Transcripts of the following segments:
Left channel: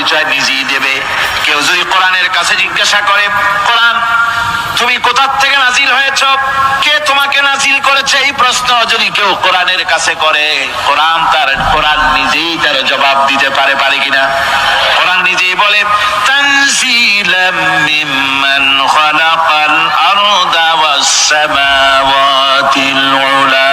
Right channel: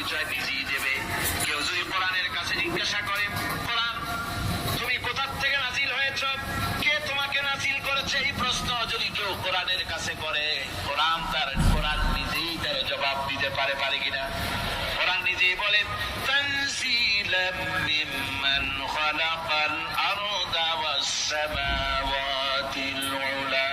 পরিচয় নিজেই দেবে। কেউ যদি কোরআনের কাছে জিজ্ঞাসা করে, কোরআন তুমি কোথা থেকে নাজিল হয়েছ, কে তোমাকে নাজিল করেছে, এই প্রশ্ন যদি কেউ কোরআনের কাছে করে, কোরআন নিজেই তার জবাব দিতে পারে কিনা? কোরআন নিজেই বলে, তানজিলাম মিম্মান খালাকাল আরদা ওয়াস সামাওয়াতিল উলা।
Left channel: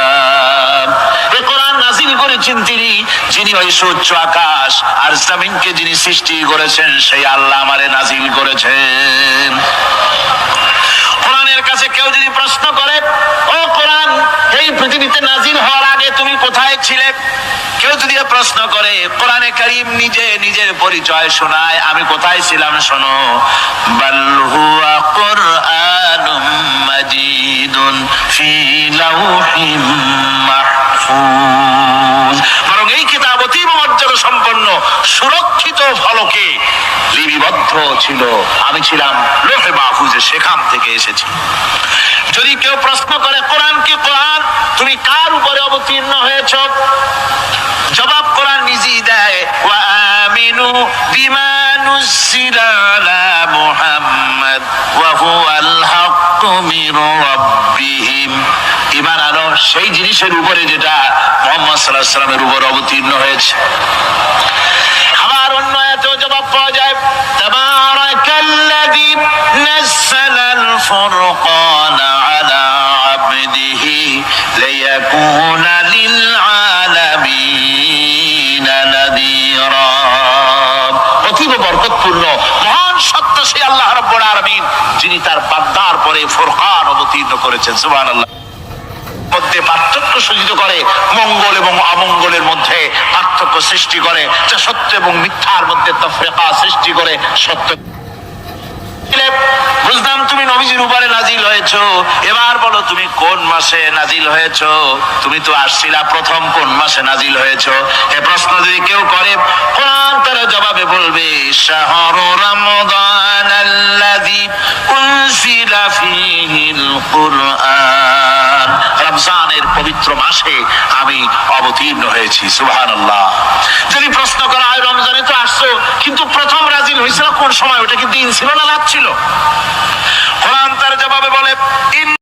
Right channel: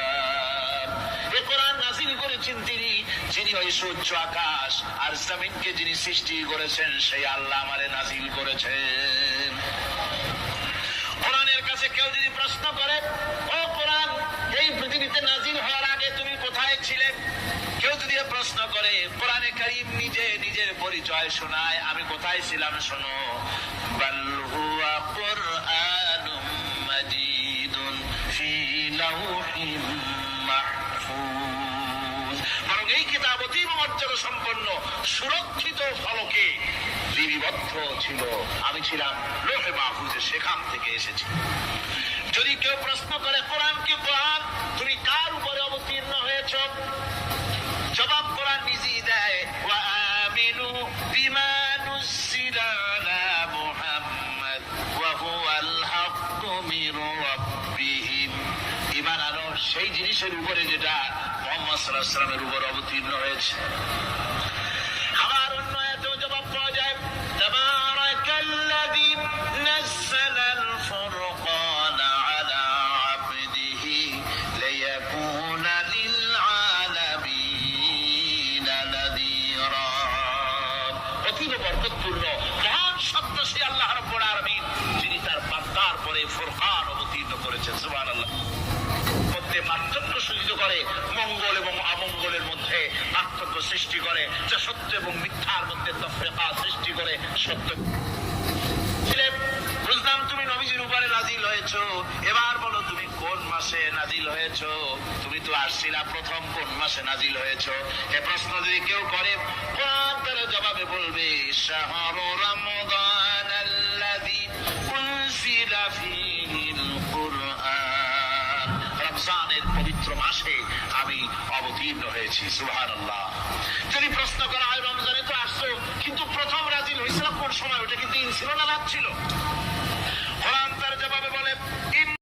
এই কোরআন নাজিল করেছেন তিনি, যিনি ওই সুউচ্চ আকাশ আর জমিনকে যিনি সৃষ্টি করেছেন, সেই আল্লাহ আমারে নাজিল করেছেন। কোরআনের কাছে কেউ যদি প্রশ্ন করে, ও কোরআন এই পৃথিবীতে নাজিল হওয়ার আগে তুমি কোথায় ছিলে, কেউ যদি প্রশ্ন করে, কোরআনে কারীম নিজের পরিচয় শোনায়, আমি কোথায় ছিলাম শোনো, বাল হুয়া কুরআনুম মাজিদুন ফি লাউহিম মাহফুজ। বরং এই কিতাব অতীব মর্যাদা সম্পন্ন সুরক্ষিত ফলকে লিপিবদ্ধ ছিল, আমি ছিলাম লৌহে মাহফুজে, সেখান থেকে এসেছি। যদি কেউ প্রশ্ন করে, কোরআন কি কোরআন তুমি কার উপরে অবতীর্ণ হয়েছ, জবাব কোরআন নিজেই দেয়, ওয়া আমিনু বিমা নুজিলা আলা মুহাম্মাদ ওয়া হুয়াল হাক্কু মির রাব্বিহিম। ঈমান আনো সেই জিনিসের উপরে যেটা মুহাম্মদ সাল্লাল্লাহু আলাইহি ওয়াসাল্লামের উপর অবতীর্ণ হয়েছে। আবার অন্য আয়াতেও জবাব পাওয়া যায়, তাবারাকাল্লাযী নাযালাল ফুরকানা আলা আবদিহি লিয়াকুনা লিল আলামিনা নাযীরা। অতীব বরকতপূর্ণ মহান সত্তা সেই আল্লাহ রাব্বুল আলামিন, যিনি তার বান্দার পরে ফুরকান অবতীর্ণ করেছেন। সুবহানাল্লাহ। মধ্যে পার্থক্য সূচিত করে, মঙ্গল এবং অমঙ্গলের মধ্যে পার্থক্য সৃষ্টি করে, যা সত্য এবং মিথ্যার মধ্যে তাফরিকা সৃষ্টি করে। সত্য বুঝলাম তুমি নবীজির উপরে নাজিল হয়েছো, এবার বলো তুমি কোন মাসে নাজিল হয়েছো, তুমি তো আসছিলা প্রথম কোন মাসে নাজিল হয়েছো, এ প্রশ্ন যদি কেউ করে, কোরআন তার জবাবে বলবে, শাহরু রমাদান আল্লাযী উনজিলা ফীহিল কুরআন। রমজানের পবিত্র মাসে আমি অবতীর্ণ হয়েছি। সুবহানাল্লাহ। যদি প্রশ্ন করা হয়, রমজানে তো আসছো, কিন্তু প্রথম নাজিল হয়েছিল কোন সময়, ওটা কি দিন ছিল না রাত ছিল? কোরআন তার জবাবে বলে,